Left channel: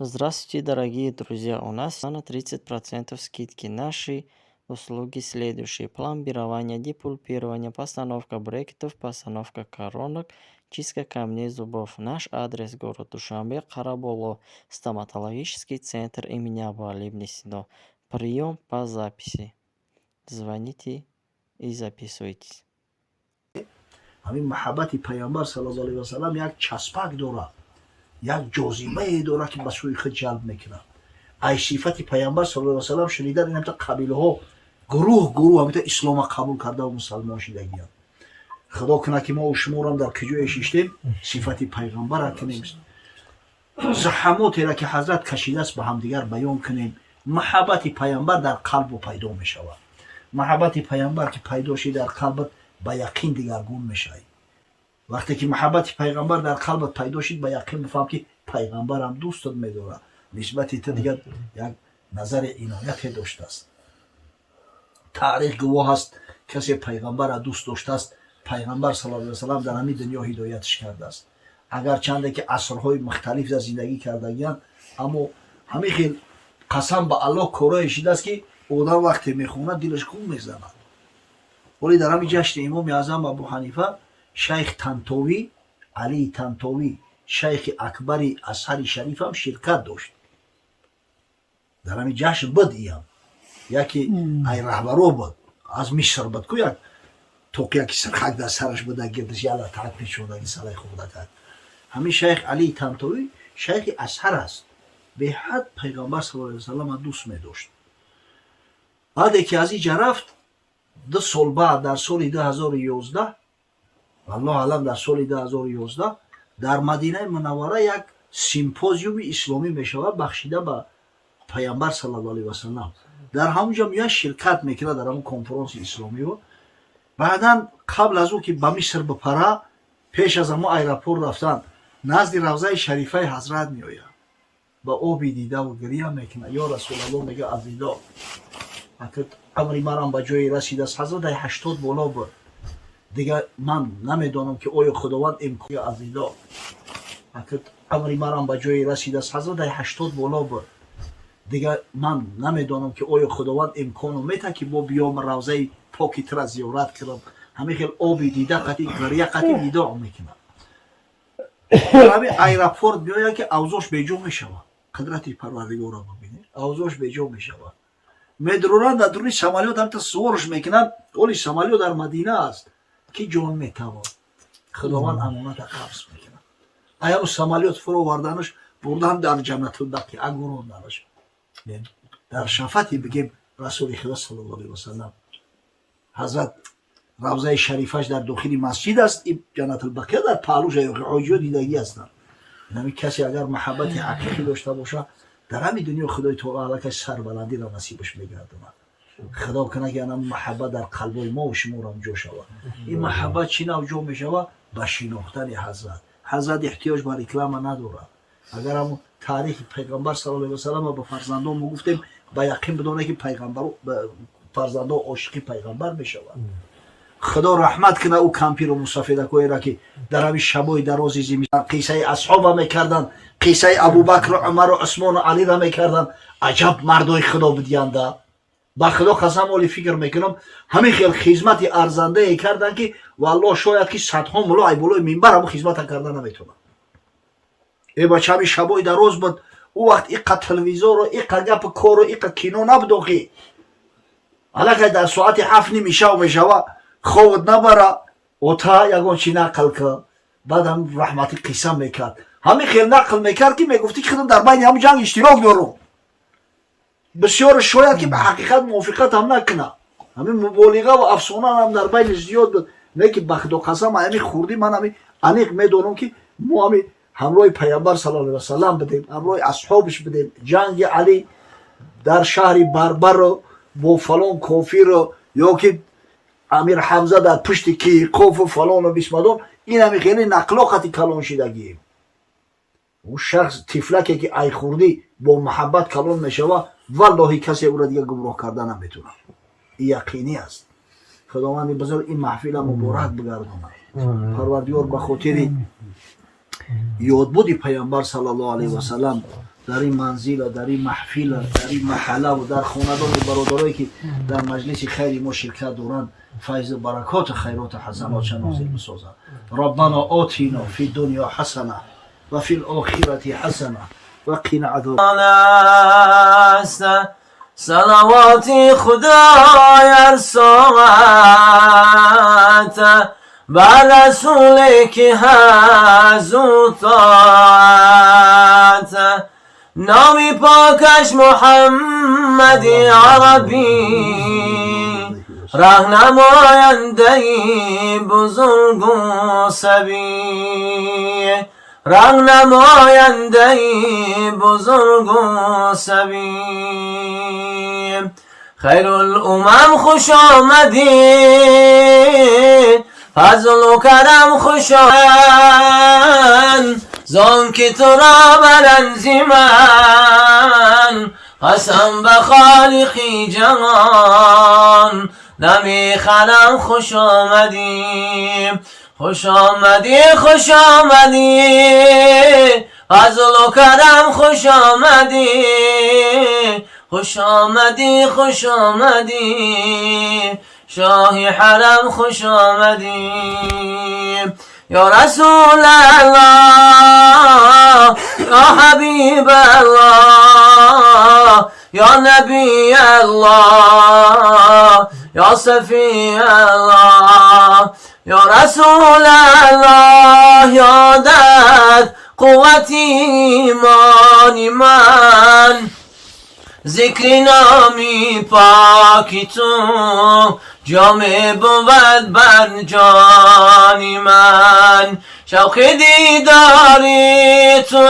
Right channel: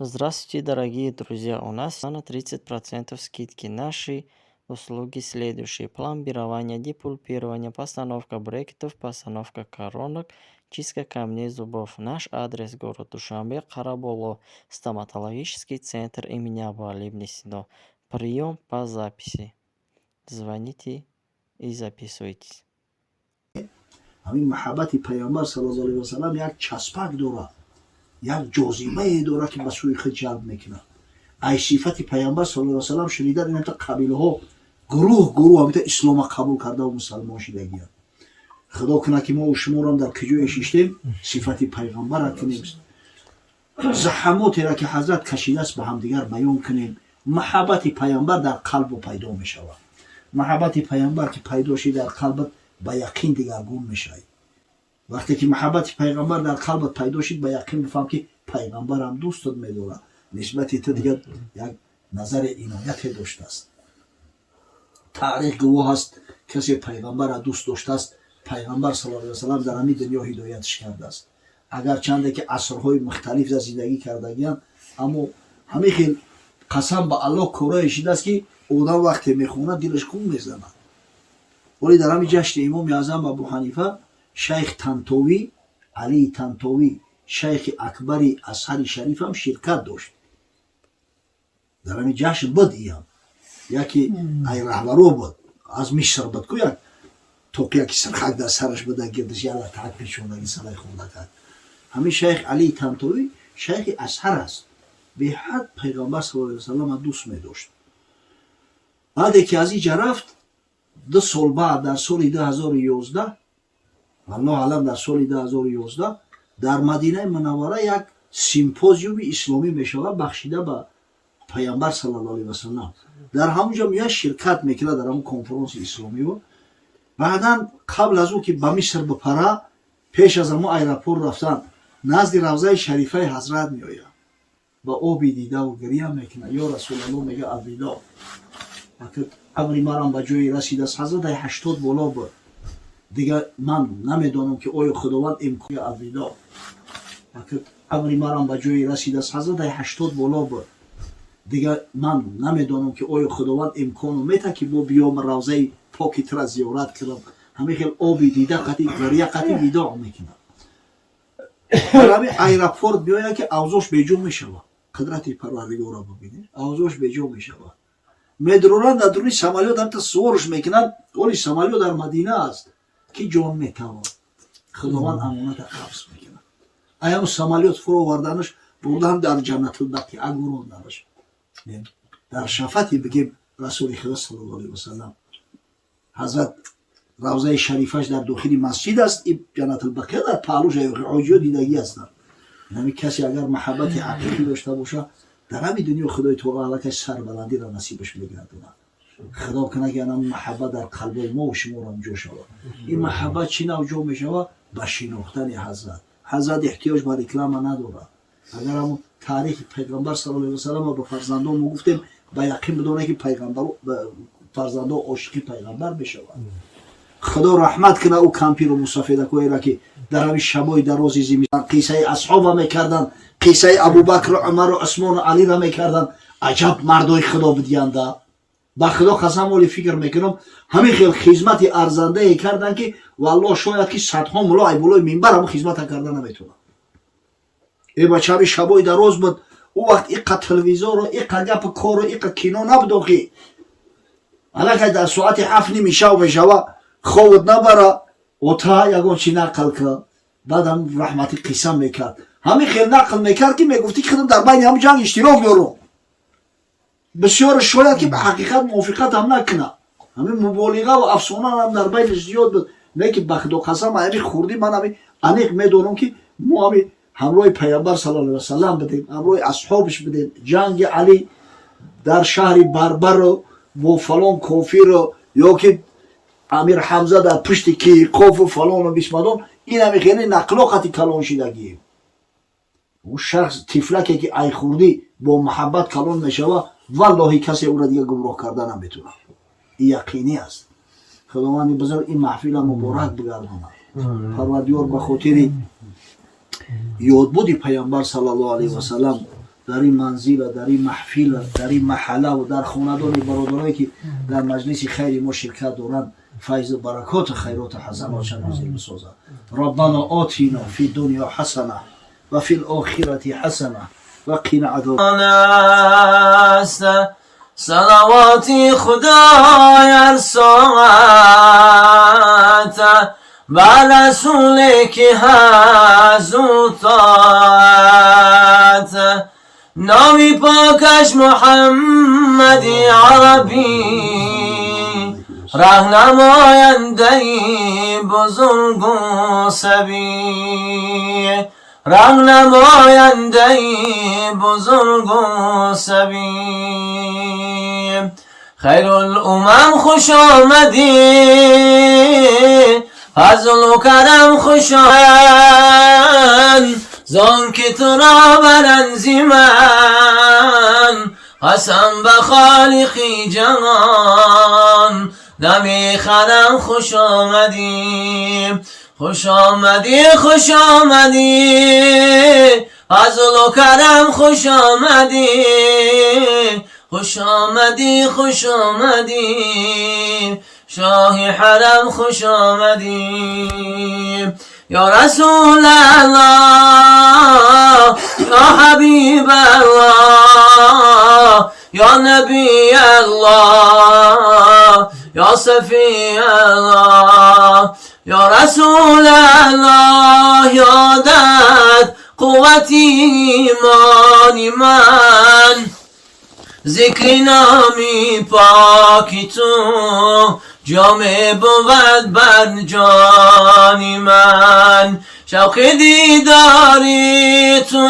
Здравствуйте, дорогие друзья! У нас на 30% скидки. Наши услуги следующие: пломбирование, депульпирование, постановка брекетов, постановка коронок, чистка камней зубов. Наш адрес: город Душанбе, Караболо, стоматологический центр имени Абу-Али ибн Сино. Прием по записи. Звоните и записывайтесь. همین محبت پیامبر صلی الله علیه و سلم یک چسبک داره، یک جاذبه داره که به سوی خود جلب میکنه. ای صفت پیامبر صلی الله علیه و سلم شنیدن این همتا قبیله ها گروه همتا اسلام قبول کرده و مسلمان شدگیان. خدا کنه که ما و شما هم در کجای شیشتیم صفت پیغمبر را کنیم، زحماتی را که حضرت کشیده است به هم دیگر بیان کنیم. محبت پیامبر در قلب پیدا می شود. محبت پیامبر که پیدا شد در قلبت با یقین دیگرگون میشه. وقتی که محبت پیغمبر در قلبت پیدا شد با یقین بفهم که پیغمبر هم دوستت میداره، نسبت تو دیگر یک نظر عنایت داشته است. تاریخ گواه است کسی پیغمبر را دوست داشته است، پیغمبر صلی الله علیه و سلم در همین دنیا هدایتش کرده است. اگر چنده که عصرهای مختلف در زندگی کردگیان، اما همین خیل قسم به الله کارای شده است که آدم وقتی میخونه دلش خوب میزنه. ولی در همین جشن امام اعظم ابو حنیفه شیخ طنطاوی، علی طنطاوی شیخ اکبر ازهر شریف هم شرکت داشت. در همین جشن بود ایام یکی ای رهبرو بود از مصر بود که یک توقیه که سرخک در سرش بوده گردش یالا تحقیق شده این ساله خورده کرد. همین شیخ علی طنطاوی شیخ ازهر است، به حد پیغمبر صلی الله علیه و سلم دوست می داشت. بعد که از اینجا رفت 2 سال بعد در سال 2011 الله علم در سال 2011 در مدینه منوره یک سیمپوزیوم اسلامی می شود بخشیده به پیامبر صلی الله علیه و سلم. در همونجا میاد شرکت میکنه در همون کنفرانس اسلامی. و بعدا قبل از او که به مصر بپره پیش از همون ایرپورت رفتن نزد روضه شریفه حضرت میآید، با آبی دیده و گریه میکنه. یا رسول الله میگه الوداع، امری مرام به جایی رسید است. حضرت 80 بالا بود دیگه، من نمیدونم که آیا خداوند امکان الوداع. امری مرام به جایی رسید است. حضرت 80 بالا بود دیگه، من نمیدونم که آیا خداوند امکان میته که با بیام روضه پاکی تر زیارت کنم. همه خیلی آبی دیده قطعی گریه قطعی وداع میکنه. در همین ایرپورت بیاید که اوضاعش بیجا میشود. قدرت پروردگار را ببینید، اوضاعش بیجا میشود. میدرونن در دورانی سمالیات هم تا سورش میکنن، ولی سمالیات در مدینه است که جان میتوان خداوند امانت قبض میکنن. ایام سمالیات فرو وردنش بردن در جنت البقیع اگروندنش. در شفاعتی بگیم رسول خدا صلی الله علیه و سلم حضرت روضه شریفش در داخل مسجد است، این جنت البقیع در پهلوش عاجی دیدگی هستند. یعنی کسی اگر محبت حقیقی داشته باشه در همین دنیا خدای تعالی که سربلندی را نصیبش میگردونه. خدا کنه که این محبت در قلب ما و شما را اونجا شود. این محبت چی نوجا میشود؟ به شناختن حضرت. حضرت احتیاج به رکلام نداره. اگر هم تاریخ پیغمبر صلی الله علیه و سلم به فرزندان گفتیم با یقین بدونه که پیغمبر فرزندان عاشق پیغمبر میشود. خدا رحمت کنه او کمپیر و مصافیده کوی را که در همین شبای درازی زمستان قصه اصحاب میکردن، قصه ابوبکر و عمر و عثمان و علی را میکردن. عجب مردای خدا بدیانده. با خدا قسم ولی فکر میکنم همین خیلی خدمت ارزنده ای کردن که والله شاید که صدها ملا ای بالای منبر هم خدمت کردن نمیتونن. ای بچه همین شبای دراز بود، او وقت ایقا تلویزور و ایقا گپ کار و ایقا کینو نبودو که حالا که در ساعت 7 نمیشه و میشوه خوابت نبره و تا یکون چی نقل که بعد هم رحمتی قسم میکرد. همین خیلی نقل میکرد که میگفتی که خودم در بین همون جنگ اشتراک دارم. بسیار شاید که به حقیقت موافقت هم نکنه. همین مبالغه و افسانه هم در بین زیاد بود. نه که بخد و قسم همین خوردی من همین انیق میدونم که ما همین همراه پیامبر صلی الله علیه و سلم بدیم، همراه اصحابش بدیم. جنگ علی در شهر بربر با فلان کافر یا که امیر حمزه در پشت کی قاف و فلان و بسمدان، این همین خیلی نقلاقتی کلان شدگی. اون شخص تفلکی که ای خوردی با محبت کلان میشوه والله کسی او را دیگه گمراه کرده نمیتونه. این یقینی است. خداوند بزرگ این محفل مبارک بگردونه. پروردگار به خاطر یادبود پیامبر صلی الله علیه و سلم در این منزل، در این محفل، در این محله و در خاندان برادرایی که در مجلس خیر ما شرکت دارند فیض برکات خیرات حسنات نازل بسازد. ربنا آتینا فی دنیا حسنه و فی الاخرة حسنه و قنا عذاب است. صلواتی خدای ساعت بر رسول که هزوتات نامی پاکش محمدی عربی راهنماینده بزرگ و سبی راهنماینده بزرگ و سبی خیر الامم خوش آمدی فضل و کرم خوش آمد زان که تو را برنزی من قسم به خالقی جهان نمیخرم خوش آمدی خوش آمدی خوش آمدی فضل و کرم خوش آمدی خوش آمدی خوش آمدی شاه حرم خوش آمدی یا رسول الله یا حبیب الله یا نبی الله یا صفی الله یا رسول الله یادت قوت ایمان من ذکر نامی پاکی تو جامع بود بر جان من شوق دیداری تو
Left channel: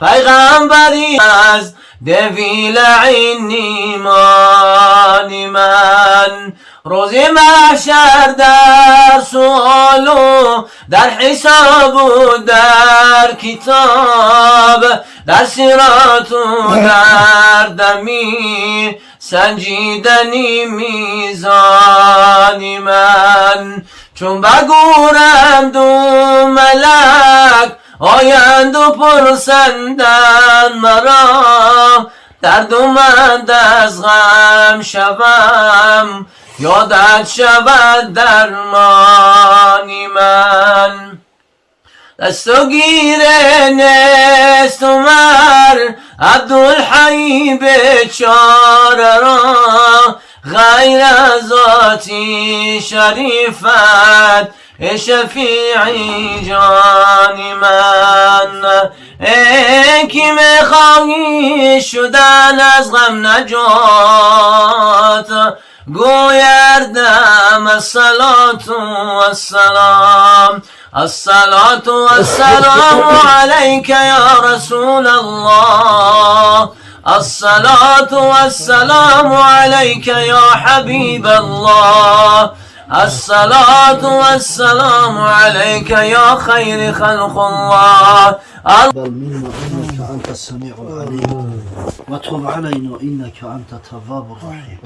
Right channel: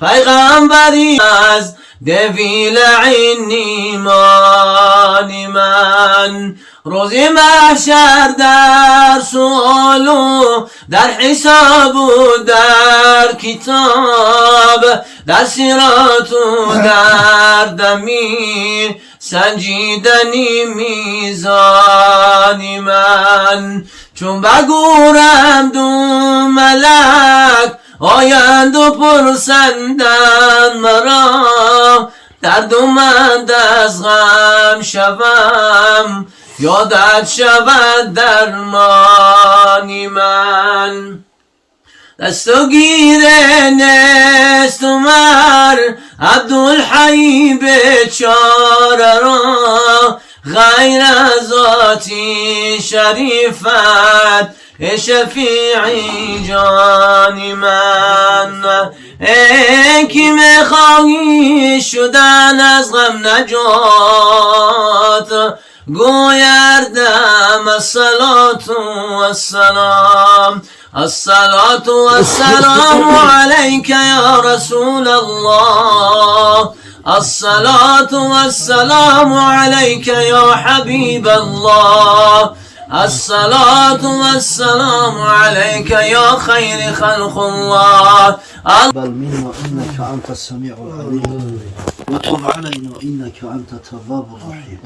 پیغمبری از دویل عین ایمان من روزی محشر در سؤال و در حساب و در کتاب در صراط و در دمی سنجیدنی میزان من چون بگورم دو ملک آیند و پرسندن مرا دردمند از غم شوم یادت شود درمانی من دست و گیر نست عمر عبدالحی بیچاره را غیر از ذاتی شریفت شفیعی جان من ای کی میخواهی شدن از غم نجات گویردم الصلاة والسلام الصلاة والسلام عليك يا رسول الله الصلاة والسلام عليك يا حبيب الله الصلاة والسلام عليك يا خير خلق الله بل منا إنك أنت السميع العليم وتب علينا إنك أنت التواب الرحيم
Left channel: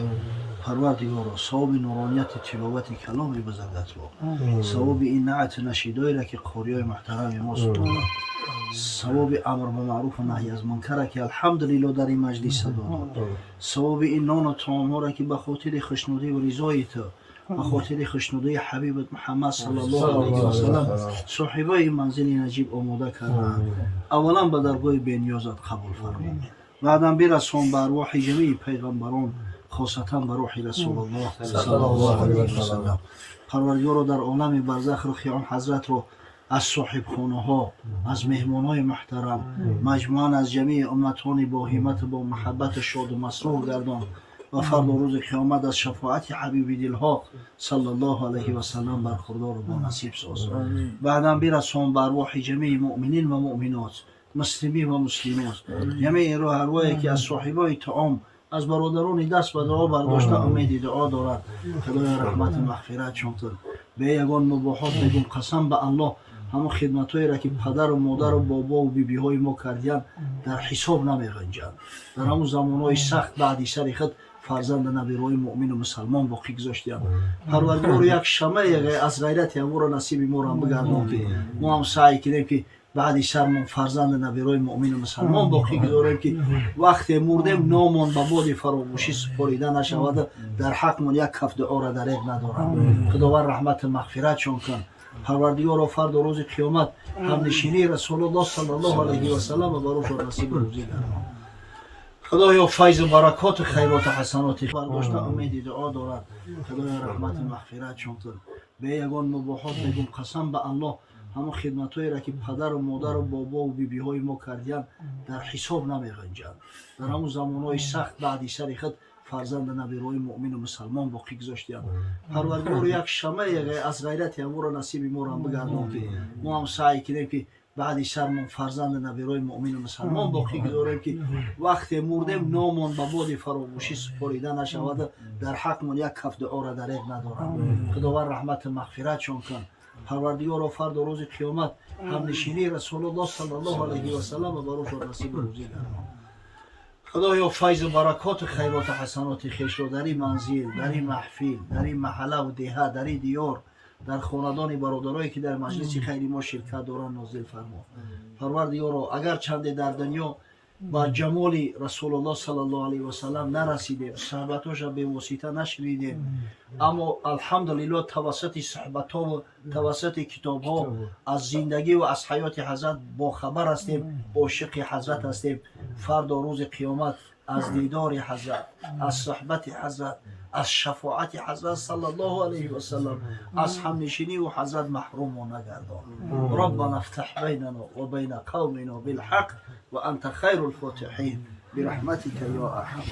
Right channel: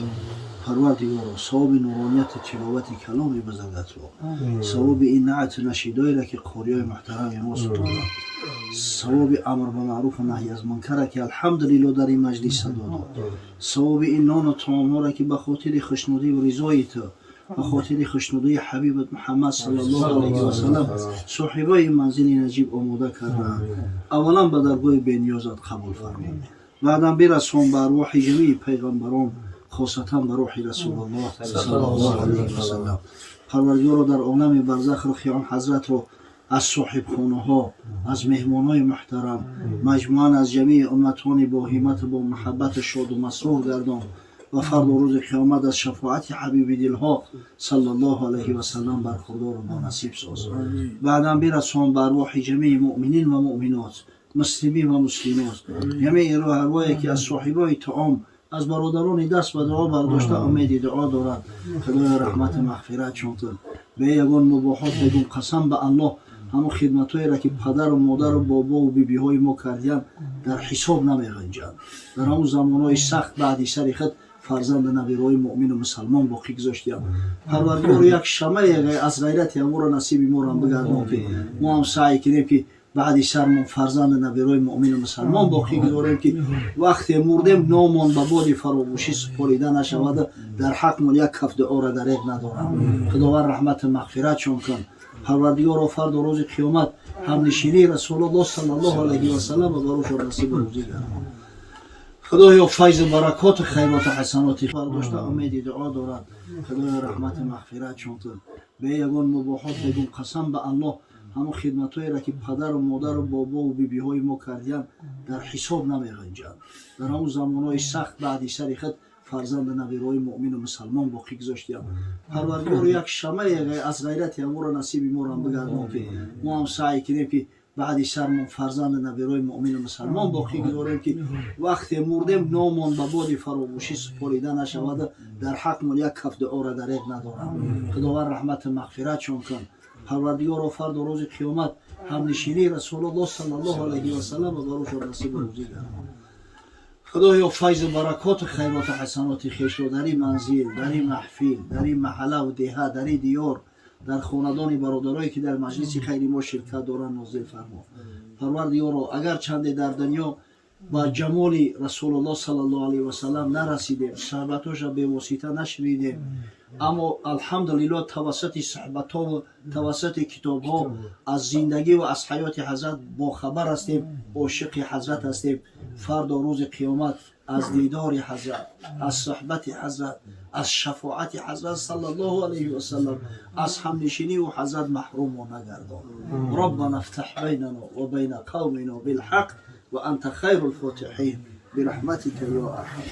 پروردگارا ثواب نورانیت تلاوت کلام بزرگت رو ثواب این نعت نشیدایی را که قاریای محترم ما ستوندن ثواب امر به معروف و نهی از منکر که الحمدلله در این مجلس صدا داد ثواب این نان و طعام ها را که به خاطر خوشنودی و رضای تو به خاطر خوشنودی حبیبت محمد صلی الله علیه و سلم صاحبای این منزل نجیب آماده کردند اولا به درگاه بی‌نیازت قبول فرما بعدم برسون به ارواح جمیع پیغمبران خاصتا به روح رسول الله صلی الله علیه و سلم پروردگارا در عالم برزخ رو خیام حضرت رو از صاحب خانه ها از مهمان های محترم مجموعاً از جمیع امتان با همت با محبت شاد و مسرور گردان و فردا روز قیامت از شفاعت حبیب دلها صلی الله علیه و سلم برخوردار و با نصیب ساز بعدم برسون به ارواح جمیع مؤمنین و مؤمنات مسلمین و مسلمات جمیع ارواحی که از صاحبای طعام از برادران دست به دعا برداشته امید دعا دارد خدای رحمت مغفرت چونتن به یگان مباحات بگون قسم به الله همون خدمتایی را که پدر و مادر و بابا و بیبی های ما کردیان در حساب نمیغنجند در همون زمانهای سخت بعدی سری خود فرزند نبیرهای مؤمن و مسلمان باقی گذاشتیم پروردگار یک شمع از غیرت ما را نصیب ما را بگردان که ما هم سعی کنیم که بعدی سرمون فرزند نبیروی مؤمن و مسلمان باقی گذاریم که وقتی مردیم نامون به باد فراموشی سپریده نشود. در حقمون یک کف دعا را دریغ ندارم. خداوند رحمت مغفرت چون کن. پروردگار فرد و روز قیامت هم نشینی رسول الله صلی الله علیه و سلم و بروش و نصیب روزی گردان. خدایا فیض و برکات خیرات و حسنات برداشته امید دعا دارد. خدایا رحمت مغفرت چون کن. به یگان مباحات بگم قسم به الله همون خدمتایی را که پدر و مادر و بابا و بیبی های ما کردیم در حساب نمی‌گنجند. در همون زمانهای سخت بعدی سر خود فرزند نبیروی مؤمن و مسلمان باقی گذاشتیم. پروردگار یک شمع از غیرت ما را نصیب ما را بگردان که ما هم سعی کنیم که بعدی سرمون فرزند نبیروی مؤمن و مسلمان باقی گذاریم که وقتی مردیم نامون به باد فراموشی سپریده نشود. در حقمون یک کف دعا را دریغ ندارم. خداوند رحمت مغفرت چون کن. پروردگار فرد و روز قیامت هم نشینی رسول الله صلی الله علیه و سلم و بروش و نصیب روزی گردان. خدایا فیض و برکات خیرات و حسنات خویش را در این منزل، در این محفل، در این محله و دهه، در این دیار، در خاندان برادرایی که در مجلس خیر ما شرکت دارند نازل فرما. پروردگار اگر چند در دنیا با جمال رسول الله صلی الله علیه و سلم نرسیدیم، صحبتاش به واسطه نشنیدیم، اما الحمدلله توسط صحبت ها و توسط کتاب ها از زندگی و از حیات حضرت با خبر هستیم، عاشق حضرت هستیم. فردا روز قیامت از دیدار حضرت، از صحبت حضرت، از شفاعت حضرت صلی الله علیه و سلم، از همنشینی و حضرت محروم و نگردان. ربنا افتح بیننا و بین قومنا بالحق و انت خیر الفاتحین برحمتك یا ارحم.